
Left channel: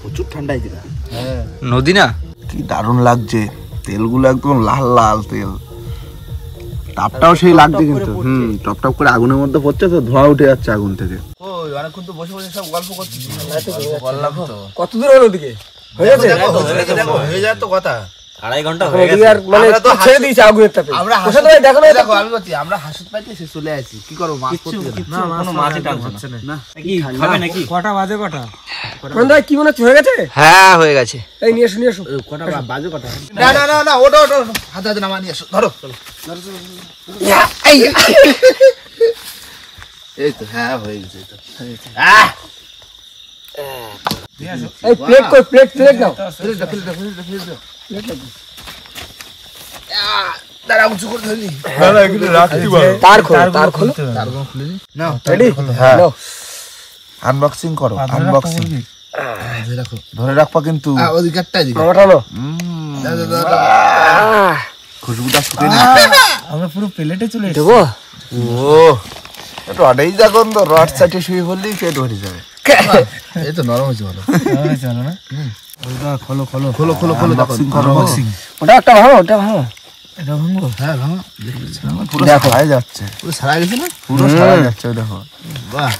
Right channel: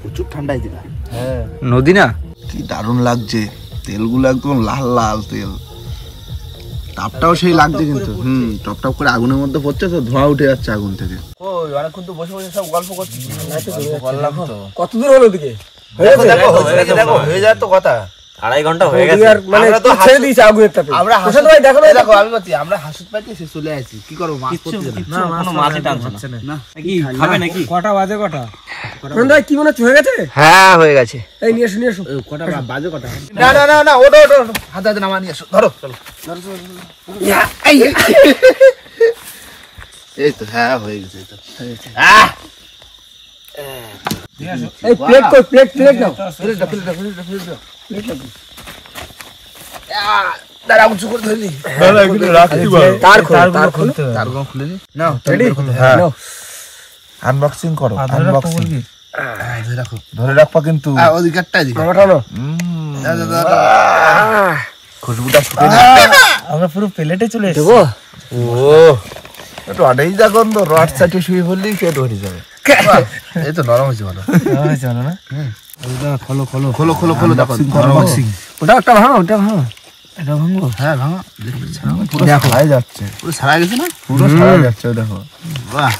প্রচুর ঠান্ডাই দিদা। হ্যাঁ নদী না? কি দারুণ লাগছে। তেলগুলো একদম লাল লাল তেল, তাপটাও সেই লাগছে কিন্তু। টপ টপ করে আগুনের মধ্যে পড়ছে তো, ধোঁয়া উঠে যাচ্ছে আগুন থেকে। ওই অনেকক্ষণ তো বসে বসে সব গল্প করতেছি। বললাম তো কত দূর হলো দিকে? হয়ে গেছে? দেখো হয়ে যায় তো কথা। 2.5 ঘন্টা হয়ে গেছে। মানে আমরা তো ছেড়ে দিয়েছি আগুনের তাপে। আমরা প্রশান্ত ভাই দেখো না, দেখো আমি বলছি আমরা হাসুদ পাইতে এসে চলে আসি। কি করবো মাছ পড়তে কিচ্ছু কোনো মাছই টানছে না। কি খাবে নাকি? কটা বাজে কটা? প্রশান্ত ভাই কি মনে হচ্ছে হয়ে গেছে? হ্যাঁ হয়ে গেছে। এই নিয়ে এসো নিয়ে এসো। কটা বাজে কটা? না না না না ওটো ওটো হাতে হাতে নামা নিয়ে আসো। ধরো চলো। এই তো হ্যাঁ হয়ে গেছে। এই তো এই প্লেট কই? প্লেট প্লেট নাও। ফিল্টার ফিল্টার ফিল্টার ফিল্টার দাঁড়া উঁচু করে ধরলি। তারগুলো খুলতে হবে। তারগুলো খুলে নি। না রেডি? হ্যাঁ নাও। আনবক্সিং করো। আনবক্সিং ধরে রাখবা কিন্তু। ওদিকেরটা দিকে মামাটা নাও। খুশবুটা শুকে না। আমরা পুরো প্লেটে চলে এসেছি। দেবো? ও একটু আড়াই যা গন্ধ। রস চাটে শুয়ে পড়লেই পেট ভরে যাবে। এই তো নরম হয়েছে ভালো। চলো না খোলো খোলো খোলো খোলো খোলো আনবক্সিং করো। ওটা একটা ভাঙো, ওটা ভাঙো। এটা ভাঙবো? হ্যাঁ ভাঙা। পুরো ছাড়াই যাচ্ছে। পুরো ছাড়াই গেছে না? পুরো ছাড়াই যাচ্ছে দেখো। বাহ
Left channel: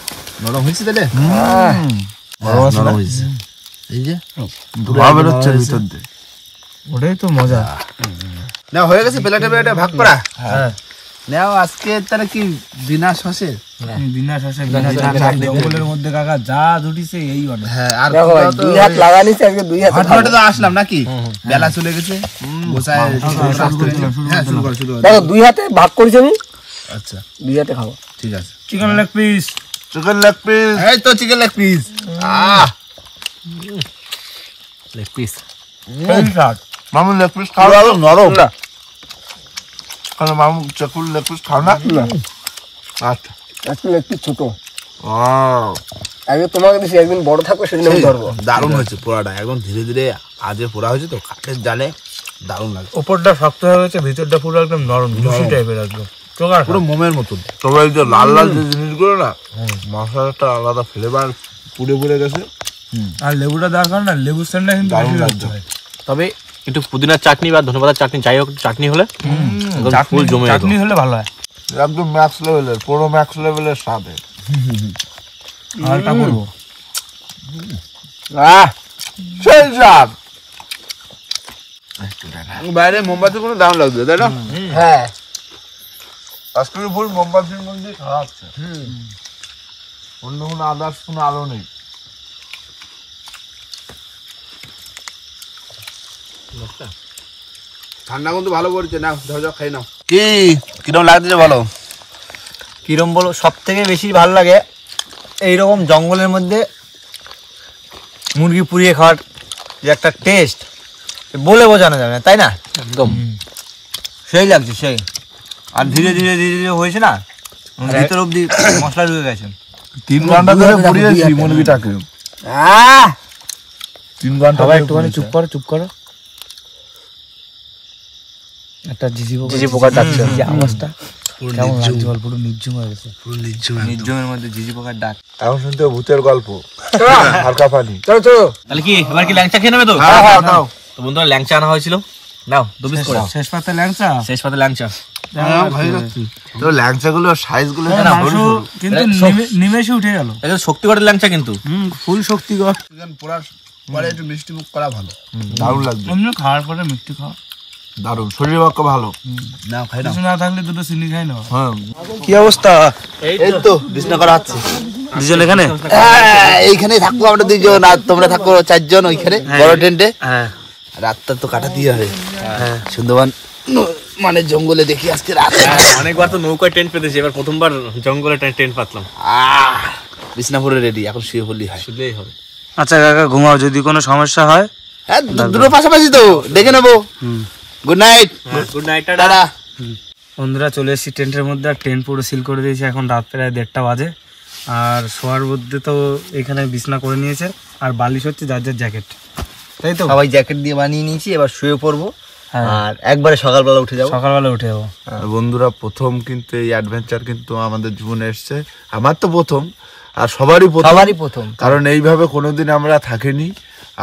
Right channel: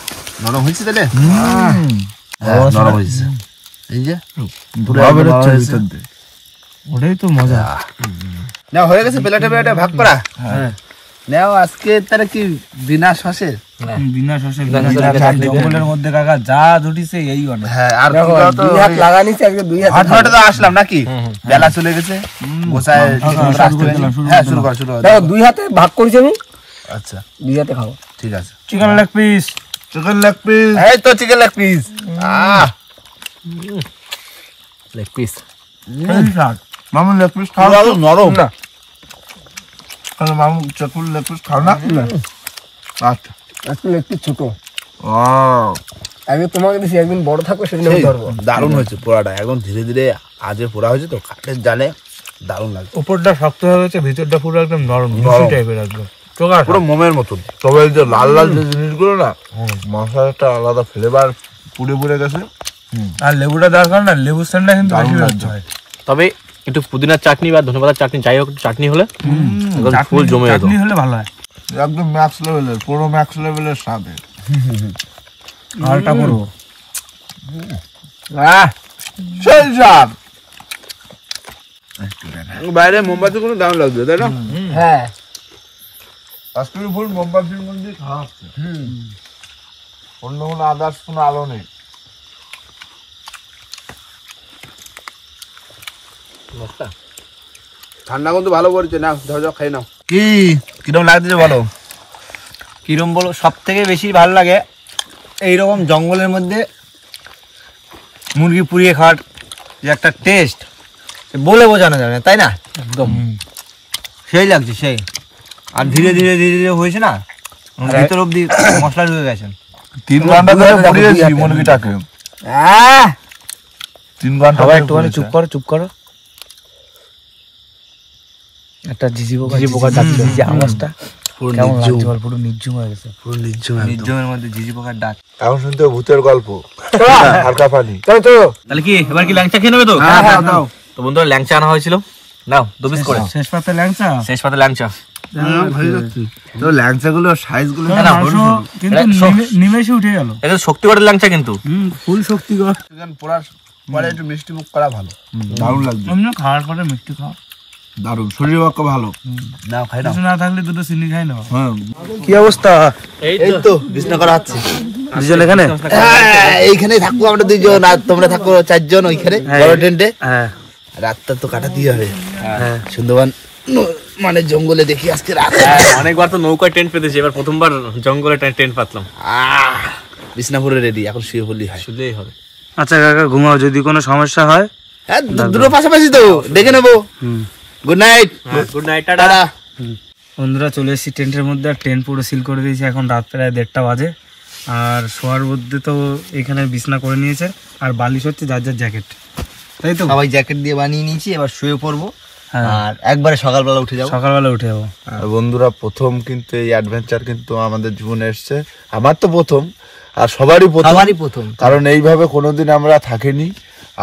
নরম হয়েছে তাহলে। নরম হয়েছে। এই যে ধোঁয়া বেরোচ্ছে ভিতর দিয়ে। ওটাই তো মজা। না হয়ে গেছে প্লেটে প্লেটে ভাগ করা। হ্যাঁ নাও আজকে তারা কি বিনা শ্বাসে বিনা শসে বিনা চাটনি জঙ্গলের মধ্যে কাকা যা দুটিছে এই অনেক। হ্যাঁ আর দুই হাত লাগা নিচ্ছে আজকে, দুই হাত হাটবাটে তো আসলাম নাকি বেলা চলে গেছে গোসায় হ্যাঁ শুরু কর দেখো, দুই হাতে ভাগ করেছি আমি, আচ্ছা দুই হাতে খাবো। ঠিক আছে chicken leg piece, chicken leg piece, এই তো chicken leg piece. Leg piece মামু লেগ পিস খাও, নরম না মামু চিকেন লেগ পিস খাও না। আচ্ছা আজকে একটু ছোট, ও আগে তোমাকে দিছি, একদিন বড় থাকবে সেদিন আমি ধরবো। দারুণ হয়েছে পোড়াটা, একদম ধীরে ধীরে আজে পোড়া হয়েছে তো কাঠের জালে দারুণ লাগছে, উপরটা শক্ত হয়ে গেছে, ভিতরটা পুরো একদম নরম জুসি টাইপের একদম চোখা পুরো মোমের মতন। তবে এই যে লাল লাল যে জিনিসগুলো না মশলাটা আলাদা ফ্লেভার পুড়ে পুড়ে গেছে। আর লেবুটা দেওয়ার কারণে না লেবুর স্যান্ডটা কিন্তু বেশি লাগছে। তবে একটু পুদিনার চাটনি বা ধনেপাতার চাটনি, যাই হোক চাটনি হলে একদম ফুল জমে যেত। চাটনি হলে ভালো হয়। একদম ম্যাক্স লেভেলের, পুরো ম্যাক্স লেভেলের স্বাদে। আলটা করবো সেই স্বাদ। বাইরে মোমবাতির কোনো দাম লাগবে তাই না? হ্যাঁ, আজকে ফুল মোমবাতির মধ্যে খাওয়া হচ্ছে, অন্য কোনো আদার্স কোনো আলো নেই। ঠান্ডা কিন্তু ভালো পড়ছে না, ধর যাও খাই নাও। কি কিরকম লাগছে বলো? কিরম বলো, সব থেকে বেশি ভালো লাগে এইরকম জঙ্গলের মধ্যে মুরগি পুড়িয়ে খাওয়ার যে একটা টেস্ট বলে বোঝানো যাবে না, তাই না? একদম সেই লাগছে সেই। আর ধীরে ধীরে ধীরে ধীরে হয়েছে না, ভিতর অব্দি মশলা ঢুকে গেছে। 3 ঘন্টা ধরে পুড়িয়েছি মুরগিটাকে, 3 ঘন্টা একটুখানি চুপ করো, চুপ করো। একটা ঝিঝি পোকা ডাকছে, আওয়াজটা পুরো কেমন নির্জুম, লাগছে বল, পুরো নির্জুম হয়ে গেছে। পুরো নির্জুম একদম। নির্জমের মধ্যে ঝিঝি পোকার ডাক। এখন শুনতে ভূতের গল্প, হালকা পানি। চলো চলো। তাহলে কি এবার কি ল্যাংচা খেয়ে নেবে তো? হ্যাঁ দাও। তো বন্ধুরা ল্যাংচা আনা হয়েছিল, নাও 2 পিস করে। শেষ পাতে ল্যাংচা, শেষ পাতে ল্যাংচা। তো ল্যাংচাগুলো সাইজগুলো মাংস কিন্তু নিমেষে উঠে গেল। এটা শক্তিগড়ের ল্যাংচা কিন্তু। ফুল শক্তিগড়। চিকেন পোড়ার পরে একটু মিষ্টি মুখ করা ভালো, দারুণ লাগবে, এমনি খাওয়ার পরে মিষ্টি খাওয়া, দারুণ, শরীরের পক্ষে ভালো। নাও খাই নাও। কিছু না থাকলে দুটো চিনি খাই না। হ্যাঁ কি অবস্থা? এই এই তো বিছনা করা আছে, দুজন এখানে? এইখানেই থাকবো আমরা 2 জন, আর তোমরা থাকো 4 জন ওইখানে বড় টেন্টে। হ্যাঁ রাতটা তো কাটাতেই হবে, সুন্দরবন মানে জঙ্গলে দেখি আজকে রাত। অনেকবার তো নৌকায় টেন্ট পেতেছি, এবার প্রথমবার জঙ্গলে টেন্ট পাতলাম। বিছনাপুরে রেডি, এখন শুয়ে পড়লি হয়। শুনলেই হবে। আচ্ছা কাকা ঘুমাও, যদি কোনো সমস্যা হয়। হ্যাঁ দুটো পাশাপাশি তো দেখে নেবো। Good night. Good night, tata. Tata. বন্ধুরা চলে এসেছি টেন্টের মধ্যে, আর টেন্ট পুরো সিল করে দিয়েছি। এখন রাত প্রায় 1:30 বাজে। আর শোয়ার মধ্যে তো এখানে বিছনা করে নিয়েছে, আর বালিশ হচ্ছে যার যার জ্যাকেট, তাই তো? সবাই জ্যাকেট দিয়ে বানিয়ে নিয়েছি, এবার শুয়ে পড়বো। হ্যাঁ। আর একবারে সকালবেলা উঠে যাবো। সকালবেলা উঠে যাবো। আর বন্ধুরা প্রথম কিন্তু এই অ্যাডভেঞ্চার কিন্তু আমাদের জীবনে এসছে, আমার তো প্রথম, আর সবারই প্রথম, কারণ এইভাবে কোনোদিন আমরা থাকিনি,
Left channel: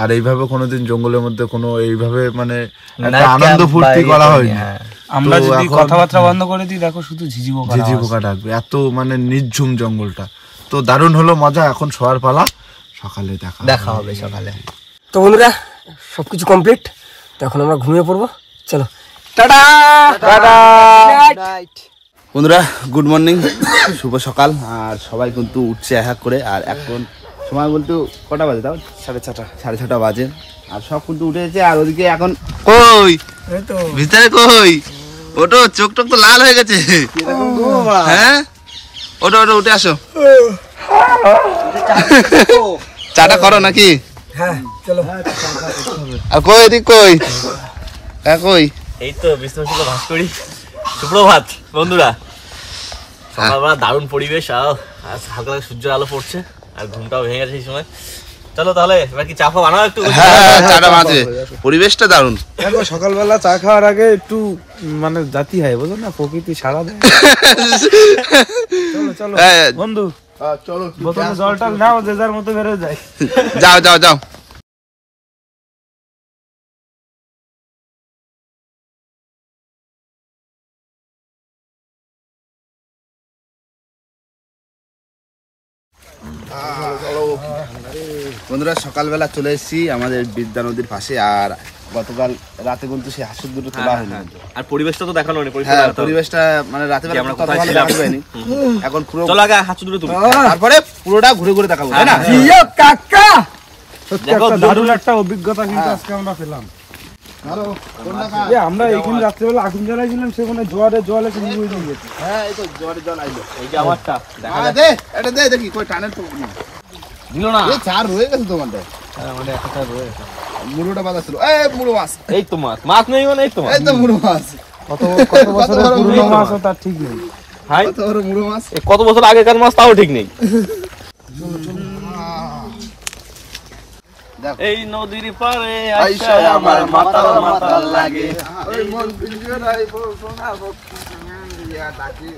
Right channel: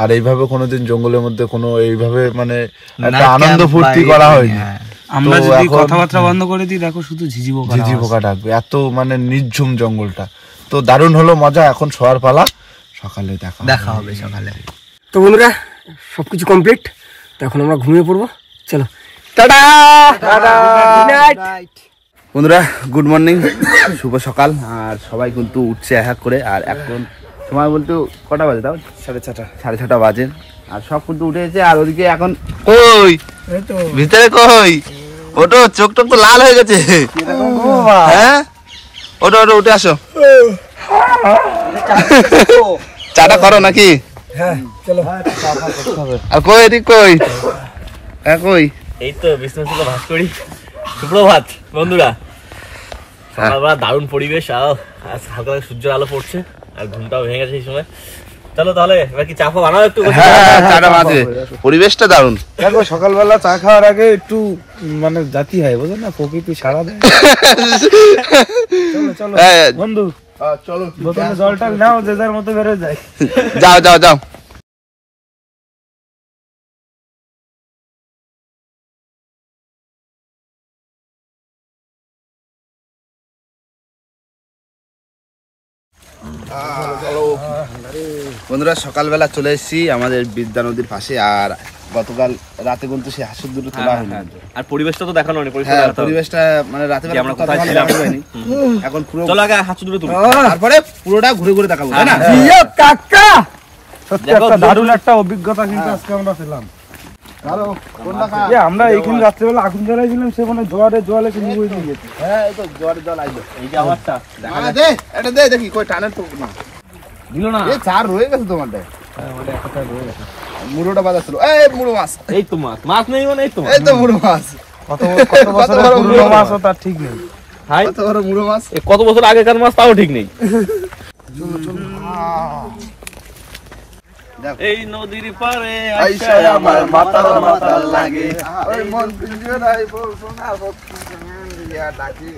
আর এইভাবে কোনোদিন জঙ্গলের মধ্যে কোনো এইভাবে মানে একটা আনন্দ ফুর্তি করা হয়নি। আমরা তো যদি এখন কথাবার্তা বন্ধ করে দিই, দেখো শুধু ঝিঝি পোকা। ঝিঝি পোকা ডাকবে, এত মানে নির্ঝুম জঙ্গলটা। তো দারুণ হলো মজা, এখন শোয়ার পালা, সকালে দেখা হবে সকালে। তো বন্ধুরা সবকিছু কমপ্লিট, তো এখন আমরা ঘুমিয়ে পড়বো। চলো টাটা, গুড নাইট। বন্ধুরা গুড মর্নিং, শুভ সকাল। আর সবাই কিন্তু উঠছে এক করে, আর এখন সময় বলতে কটা বাজে তাও? 6:30 বাজে, আর সব কিন্তু উঠেছে। আর ওদিকে এখন কই ভিতরে কই, ওটো চোখ টোক তো লাল হয়ে গেছে। হ্যাঁ ওটো ওটো উঠে আসো, চাটা করো নাকি? হ্যাঁ চলো। আর কই এদিক কই, কই? এই তো বিষ্ণু শুক্ল ভাস করি। সুপ্রভাত বন্ধুরা, সকালবেলা দারুণ পরিবেশ, আর হালকা হালকা সূর্যের আলো পড়ছে, আর ঘুমটাও ভেঙে গেছে এই সময়। চলো তাহলে এবার কি চা ফা বানাও একটু। হ্যাঁ চাটা মাঝে, পরিবেশটা দারুণ। দেখো সকালবেলা চা খাওয়ার আগে একটু মানে জাতি হয়, বুঝো না, প্রকৃতি সারা দেয়। চলো চলো বন্ধু, চলো বোতলে জলটা নাও, যে যার মতো বেড়ে যায়। যাও যাও যাও। বন্ধুরা সকালবেলা চলে এসেছি আমাদের বিদ্যা নদীর পাশে, আর গতকাল রাতে কিন্তু সেই হাঁসের দুটো তোলা হয়নি। আর পরিবেশটা তো দেখানো নেই, পরিবেশটা মানে রাতে বেলা আমরা কোথায় ছিলাম এখন পুরো চলো আগে হাঁস দুটো তুলি, তারপরে পুরোটা ঘুরে ঘুরে দেখাবো, তাই না? কাকা সত্যি একটা দারুণ একটা অভিজ্ঞতা কিন্তু আজকে আমরা পেলাম। আমরা এইখানে রাত্রেবেলা আগুন জ্বালাইছিলাম, সেখানে জোয়ারে এসে নিয়ে নিয়ে গেছে। হ্যাঁ এই তো জোয়ারে জল আইলো। এই যে আমারটা দে এটা দে, দেখি কই টানের তো না দিল না, এই চার রয়ে গেছে তোমারটা। হ্যাঁ ওটা একটা চার রয়ে গেছে। মুড়োটা বাজা ছিল, এই মুড়ো মাছ, এই তো মাছ নেই মানে, এই তো এই তো মুড়ো মাছ। কত বড় মুড়ো মাছ, তার ঠিক নেই। হাই কত বড় মুড়ো মাছ। কত বছর আগেকার মাছ তাও ঠিক নেই। এই নদীর পারে আইসা আমার মাতাল মাতাল লাগে, ওই মন পিঞ্জরায় সোনা দিয়া ডাকে।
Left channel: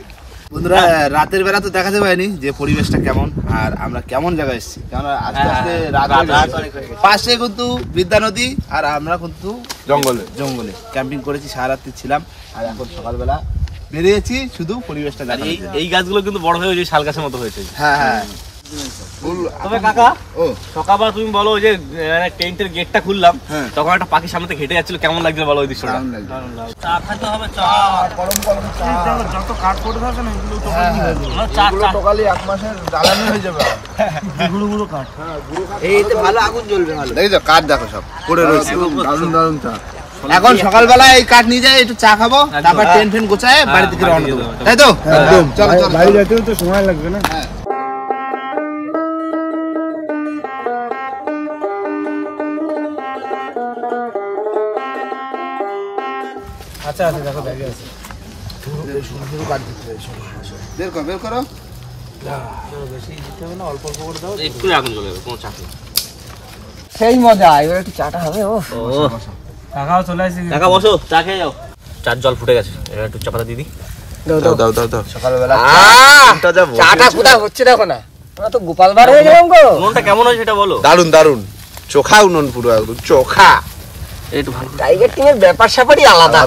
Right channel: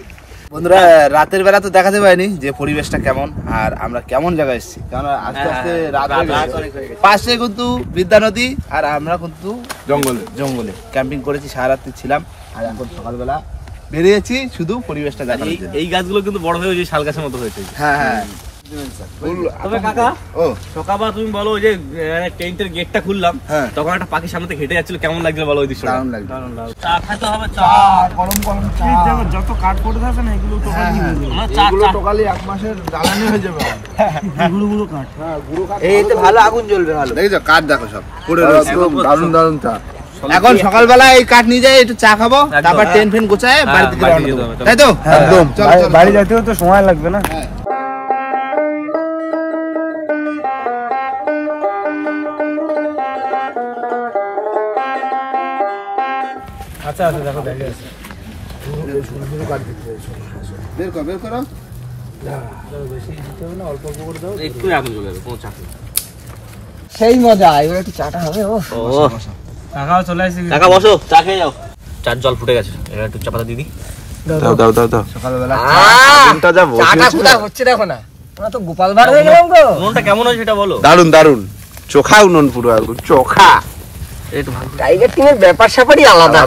বন্ধুরা রাতের বেলা তো দেখাতে পারিনি যে পরিবেশটা কেমন আর আমরা কেমন জায়গায় এসেছি, কারণ আস্তে আস্তে রাত হয়ে গেছে। পাশে কিন্তু বিদ্যা নদী আর আমরা কিন্তু জঙ্গলে ক্যাম্পিং করেছি, সারা রাত্রি ছিলাম। আর এখন সকালবেলা বেরিয়েছি শুধু পরিবেশটা দেখানোর জন্য। এই গাছগুলো কিন্তু বড় হয়ে যে শাল গাছের মতো হয়েছে। হ্যাঁ হ্যাঁ। তবে কাকা ও সকালবেলা তুমি বলো যে টেন্টের গেটটা খুললাম, হ্যাঁ। তখন একটা পাখি সামনে থেকে হেঁটে যাচ্ছিল, কেমন লাগছিল বলো ওই দৃশ্যটা? দারুণ লাগছে। চা খাইতে হবে, চা গরম গরম চা। যত কাঠ পড়ে থাকে না এগুলো তো এগুলো টোকালি 1 মাসের জ্বালানি হয়ে যাবে। গুঁড়ো গুঁড়ো কাঠ। হ্যাঁ গুঁড়ো কাঠ। এইতে ভালো আগুন জ্বলবে ভালো। এই তো কাঠ দেখো সব পড়ে রয়েছে, দারুণ দারুণ চা। এখন সকালবেলা এই কাঠ নিয়ে যাই, একটু চা খাবো, তারপর টেন্ট ফেন গোছায় বাড়ি থেকে রওনা দেবো, তাই তো? একদম। চলো চলো বাড়ি যেতেও তো সময় লাগবে না। আচ্ছা আচ্ছা দেখো দেখে আছে। বের করো বের করো। একটু আগুন জ্বলে যাবে, কোনো চাপ নেই। সেই মজা, এবার একটু চাটা হবে। ও কাকাও চলে আসছে। কাকা বসো, চা খেয়ে যাও। চার জল ফুটে গেছে, এবার একটু চা পাতা দিদি। সকালবেলা চাটা কোথায় হচ্ছে দেখো না, আমরা তো গোপাল ভাড় হয়ে গেলাম গো। মনটা কেমন হয়েছে সেটা বলো। দারুণ দারুণ চোখা উনুন, পুরো একদম চোখা। একটু ভালো। টাইগার টিমের ব্যাপার স্যাপারই আলাদা।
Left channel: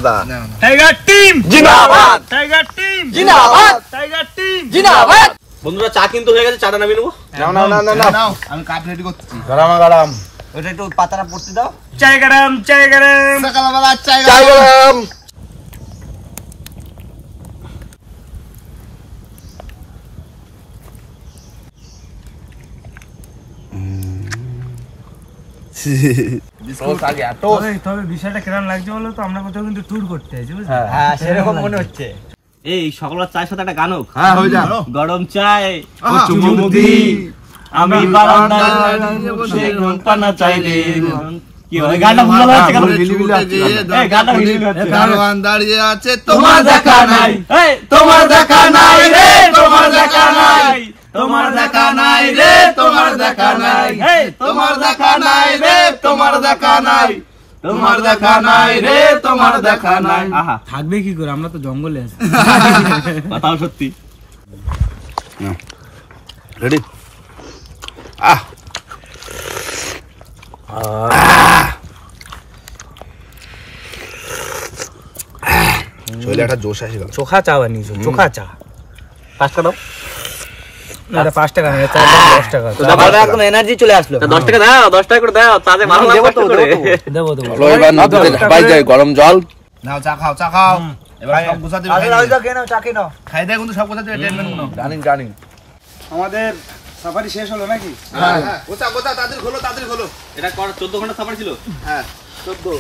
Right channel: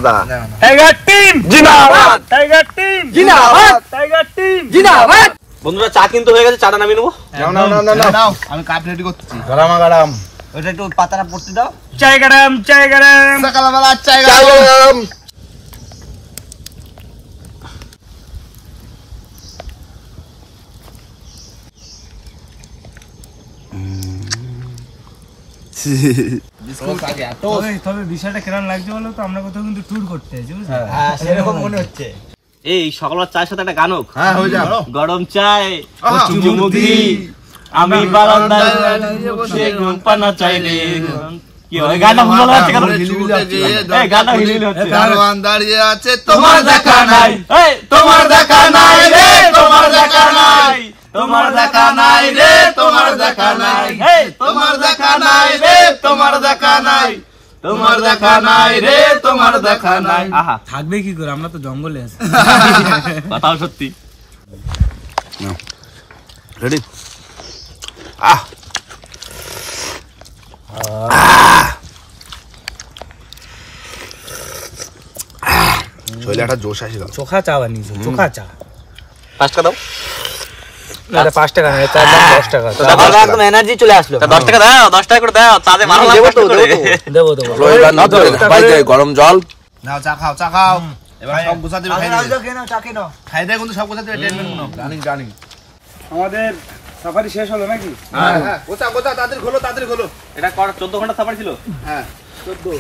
টাইগার টিম জিন্দাবাদ, টাইগার টিম জিন্দাবাদ, টাইগার টিম জিন্দাবাদ। বন্ধুরা চা কিন্তু হয়ে গেছে, চাটা নামিয়ে নেবো। নাও আমি কাপ রেডি করতেছি। গরম ওটা একটু পাতাটা পড়তে দাও। চাই গরম সকালবেলা চাই গরম। তবে বিষয়টা কেমন লাগছে বলো তো, আমরা কোথাও কিন্তু ট্যুর করতে আছি বুঝলি? হ্যাঁ সেরকম মনে হচ্ছে। এই সকালবেলা চায়ের সাথে একটা গান হোক। হ্যাঁ হয়ে যা। গরম চায় আহা, চুমুক দি, আমি বারান্দায় বসে ঘুম পানা চাইলে। কি হয় গানটা ভালো হচ্ছে কেন? এই গানটা হিলিবিলি হচ্ছে। দারোয়ান দাঁড়িয়ে আছে, তোমার দেখা নাই, এই তোমার দেখা নাই রে, তোমার দেখা নাই, তোমার দেখা নাই রে, তোমার দেখা নাই, এই তোমার দেখা নাই রে, তোমার দেখা নাই, তোমার দেখা নাই রে, তোমার দেখা নাই। আহা থাকবে কি করে, আমরা তো জঙ্গলে আছি। কথা সত্যি। রেডি? আহ শরীরে একটা জোশ আসছিল। চোখা চা বানিয়েছো, চোখা চা। 5 টাকা দাও। না 5 টাকা না, 10 টাকা। সকালবেলা একদম এনার্জি চলে আসলো। 10 টাকা দাও, 10 টাকা করে দাও, তাতে মারলাম কষ্ট করে। দেবো চলো এবার নদীতে ঝাঁপাই যাই, গরম জল নাও, চা খাও চা খাও। এবার সব গোছাতে হবে, চা খেয়ে নাও। খাই দেয় কিন্তু সব গোছাতে হবে, টেনমেন্ট গুলো জানি জানি। আমাদের সাফারি শেষ হলো নাকি? হ্যাঁ হ্যাঁ গোছা গোছা, তাড়াতাড়ি খোলো তাড়াতাড়ি খোলো। এটা 14 ঘন্টা সাফারি ছিল। হ্যাঁ 14,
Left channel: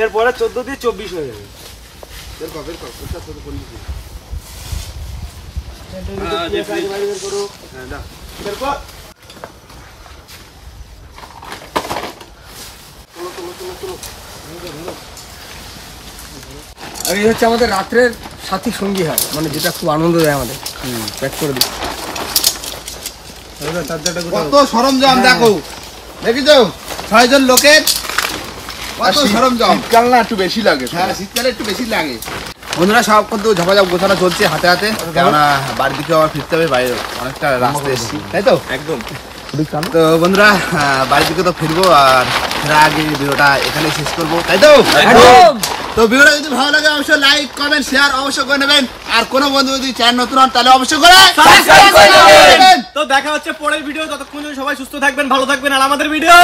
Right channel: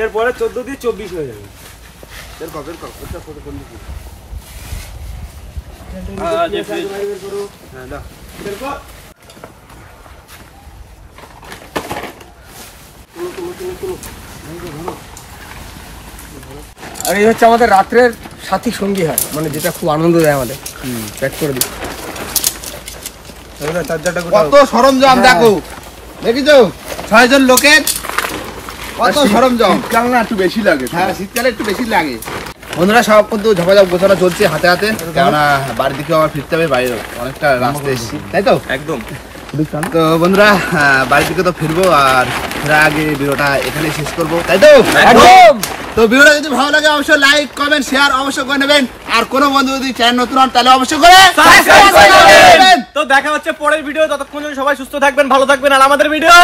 এরপরে 14 দিয়ে 24 হয়ে যাবে। বের কর বের কর, গোছা ছোট করে নিবি। হ্যাঁ দাও। আর এই হচ্ছে আমাদের রাত্রের সাথী সঙ্গী হয়, মানে যেটা খুব আনন্দ দেয় আমাদের। প্যাক করে দিই। কত সরঞ্জাম দেখো, দেখিছো 6 জন লোকের কত সরঞ্জাম। শীতকাল না একটু বেশি লাগে। হ্যাঁ শীতকালে একটু বেশি লাগে। বন্ধুরা সব কিন্তু ঝপাঝপ গোছানো চলছে হাতে হাতে, কেননা বাড়ির দিকে আবার ফিরতে হবে, বাইরে অনেকটা রাস্তা এসেছি, তাই তো? একদম। তো বন্ধুরা বাড়ির দিকে তো ফিরবো, আর ফেরার আগে ভিডিওটা এখানে শেষ করবো, তাই তো? একদম। তো ভিডিওটা যদি ভালো লাগে অবশ্যই লাইক কমেন্ট শেয়ার অবশ্যই করে নেবেন, আর কোনো বন্ধু যদি চ্যানেল নতুন হন তাহলে অবশ্যই করে সাবস্ক্রাইব করে নেবেন। তো দেখা হচ্ছে পরের ভিডিও, ততক্ষণ সবাই সুস্থ থাকবেন, ভালো থাকবেন, আর আমাদের ভিডিও